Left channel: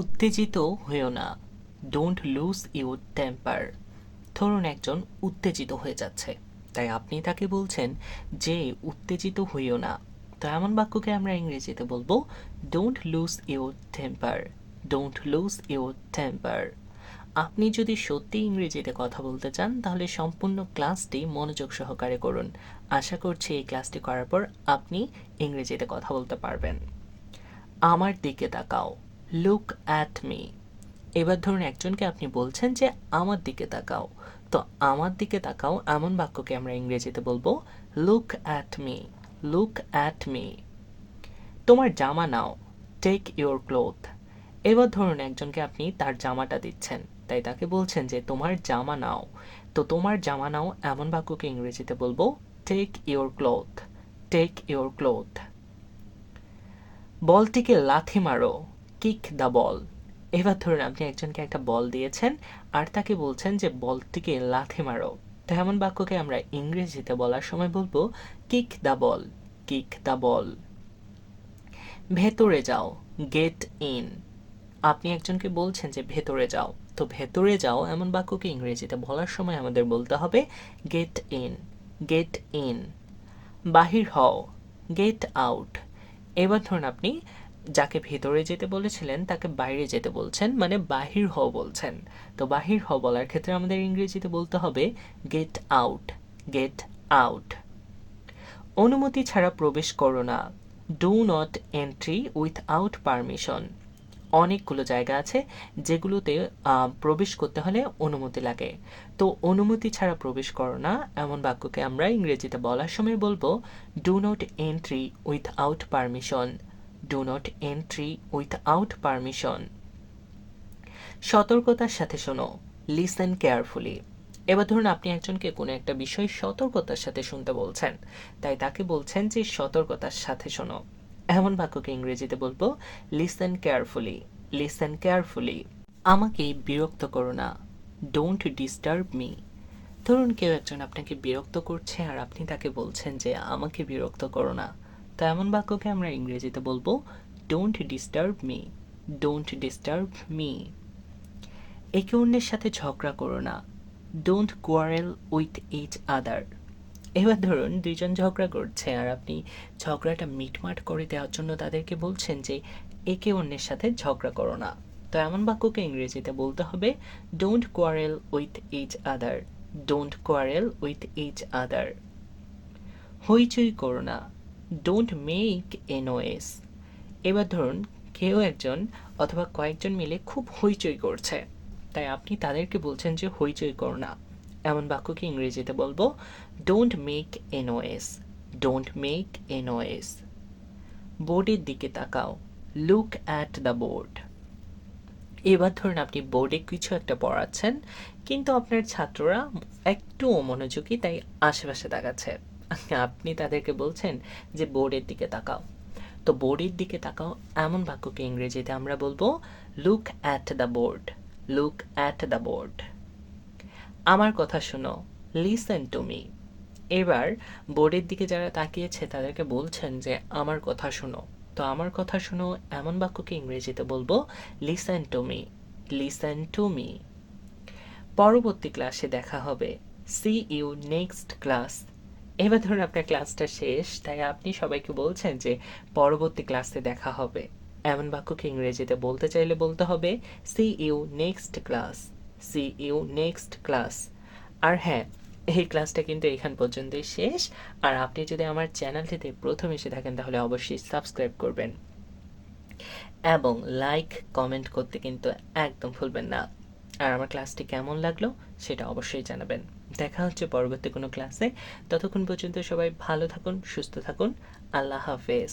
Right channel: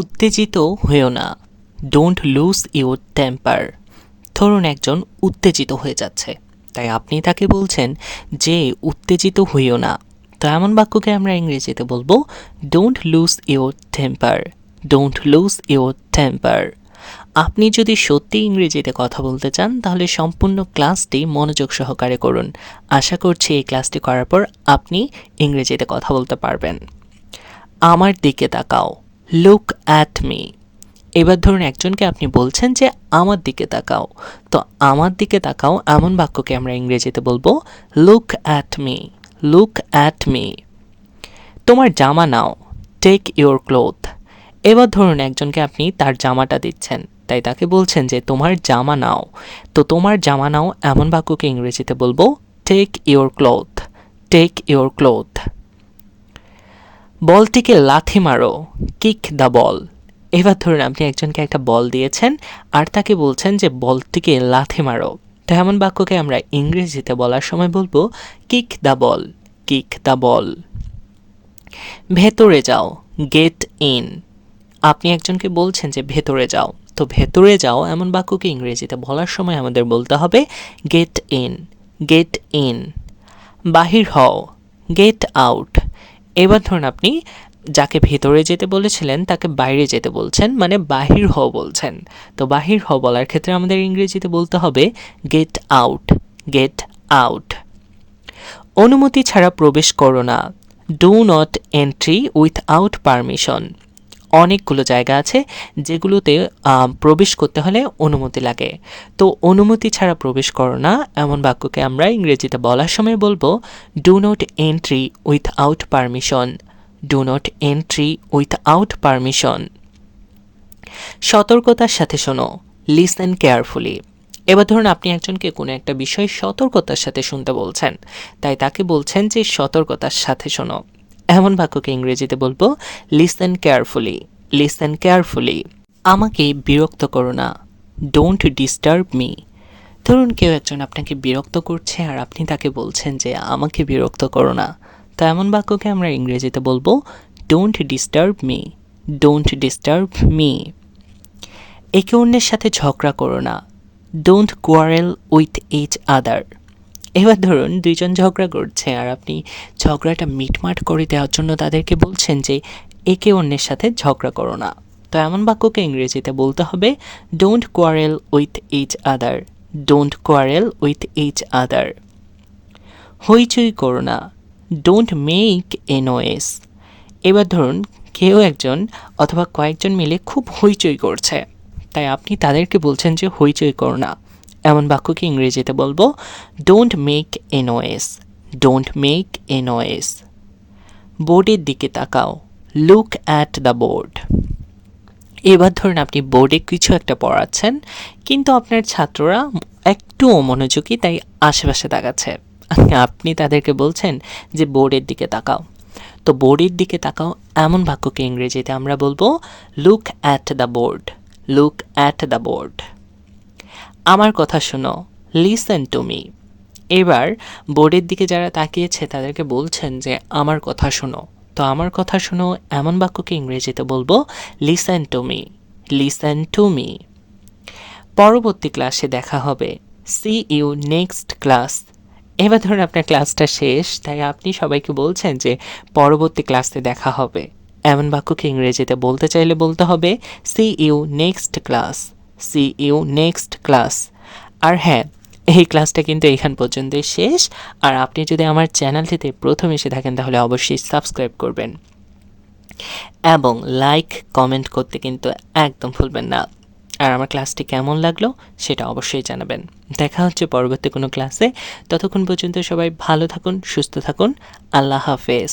উত্তেজিত হয়েও না, ডোন্ট লুজ ইউর টেম্পার। ধরুন একজন উত্তেজিত হয়ে যাচ্ছে, তাই আপনি তাকে বলছেন যে উত্তেজিত হইও না। তো এমন বাক্যকে আমরা ইংরেজিতে বলবো don't lose your temper, don't lose your temper. আপনি যদি সত্যি ইংরেজিতে কথা বলতে চান তাহলে সম্পূর্ণ ক্লাসটি মনোযোগ সহকারে করুন। আশা করছি এই ক্লাসটি করার পর আপনি ইংরেজিতে কথা বলতে পারবেন। আমার দিকে তাকাও, লুক অ্যাট মি। এবার ধরুন একজনকে আপনি বলছেন যে আমার দিকে তাকাও, তো আমার দিকে তাকাও এমন বাক্যকে আমরা ইংরেজিতে বলবো look at me, look at me. তোমার জামা নাও, টেক ইউর ক্লোথ। এবার ধরুন একজনকে আপনি তার জামাটা দিচ্ছেন, তাই তাকে বলছেন যে তোমার জামা নাও, তো তোমার জামা নাও এমন বাক্যকে ইংরেজিতে বলবো take your cloth, take your cloth. বলটিকে লাথি মারো, কিক দ্য বল। এবার ধরুন আপনি একজনকে একটা বল দিয়েছেন আর তাকে বলছেন যে বলটিকে লাথি মারো, তো এমন বাক্যকে আমরা ইংরেজিতে বলার সময় বলবো kick the ball, kick the ball. ভেতরে যাও, গেট ইন। আপনি একজনকে বলছেন যে ভেতরে যাও, তো ভেতরে যাও এমন বাক্যকে ইংরেজিতে বলার সময় আমাদের বলতে হবে গেট ইন, গেট ইন। বাহির হও, গেট আউট। এবার ধরুন আপনি যাকে ভেতরে যেতে বলেছিলেন তাকে বাইরে যেতে বলছেন, মানে বাহির হও বলছেন। তো বাহির হও বলার ক্ষেত্রে আমাদের ইংরেজিতে বলতে হবে গেট আউট, গেট আউট। অনুমতি ছাড়া প্রবেশ করো না, do not entry without permission. অনেকগুলো জায়গা আছে যেগুলোতে প্রবেশ করতে হলে অনুমতি লাগে, তো অনুমতি ছাড়া প্রবেশ করো না এমন বাক্যকে আমরা ইংরেজিতে বলার সময় বলবো do not entry without permission, do not entry without permission. সতর্কতার সাথে শোনো, লিসেন কেয়ারফুলি। এবার ধরুন আপনি একজনকে কোনো একটা বিষয় সতর্কতার সাথে শুনতে বলছেন, তাই তাকে বলছেন যে সতর্কতার সাথে শোনো, এমন বাক্যকে ইংরেজিতে বলবো লিসেন কেয়ারফুলি, লিসেন কেয়ারফুলি। আমাকে বিরক্ত করো না, ডোন্ট ডিস্টার্ব মি। ধরুন কেউ একজন আপনাকে বিরক্ত করছে আর আপনি তাকে বলছেন যে আমাকে বিরক্ত করো না, তো এমন বাক্যকে আমরা ইংরেজিতে বলবো don't disturb me, don't disturb me. একে অন্যের সাথে ঝগড়া করো না, don't quarrel with each other. এবার ধরুন দুইজন ঝগড়া করছে আর আপনি ঝগড়াটা মিটমাট করে দেওয়ার জন্য তাদেরকে বলছেন যে একে অন্যের সাথে ঝগড়া করো না, তো এমন বাক্যকে ইংরেজিতে বলতে হবে don't quarrel with each other, don't quarrel with each other. হইচই করো না, ডোন্ট মেক এ নয়েজ। এবার ধরুন কেউ একজন অথবা কয়েকজন মিলে খুব হইচই করছে, তাই আপনি তাদেরকে বলছেন যে হইচই করো না, এমন বাক্যকে ইংরেজিতে বলবো don't make a noise, don't make a noise. বোর্ডের দিকে তাকাও, লুক অ্যাট দ্য বোর্ড। এবার ধরুন আপনি বোর্ডে কিছু একটা পড়াচ্ছেন কিন্তু আপনার ছাত্ররা একটু অমনোযোগী, তাই আশেপাশে তাকাচ্ছে, আপনি তাদেরকে বলছেন যে বোর্ডের দিকে তাকাও, তো বোর্ডের দিকে তাকাও এমন বাক্যকে ইংরেজিতে আমরা বলবো look at the board, look at the board. আমার কথা শোনো, লিসেন টু মি। এবার বোর্ডের দিকে যারা তাকিয়েছে তাদেরকে বলছেন যে আমার কথা শোনো, তো আমার কথা শোনো এমন বাক্যকে ইংরেজিতে বলবো listen to me, listen to me. পরবর্তী ক্লাসে দেখা হবে, সি ইউ নেক্সট ক্লাস। এবার ধরুন আপনার ক্লাসটা শেষ, তাই আপনি সবাইকে বলছেন যে পরবর্তী ক্লাসে দেখা হবে, এমন বাক্যকে ইংরেজিতে বলতে চাইলে বলতে হবে see you next class, see you next class. আর হ্যাঁ, এই ক্লাসটা কিন্তু এখান পর্যন্তই শেষ, আর আপনি যদি আমার চ্যানেলটিতে প্রথম এসে থাকেন তাহলে অবশ্যই সাবস্ক্রাইব করবেন এবং লাইক কমেন্ট করতে কিন্তু একদম ভুলবেন না। আর আমার ক্লাসটি কেমন লাগলো সেটা অবশ্যই জানাবেন। দেখা হচ্ছে পরবর্তী কোনো ক্লাসে, ততক্ষণ পর্যন্ত সবাই ভালো থাকুন, সুস্থ থাকুন, আল্লাহ হাফেজ।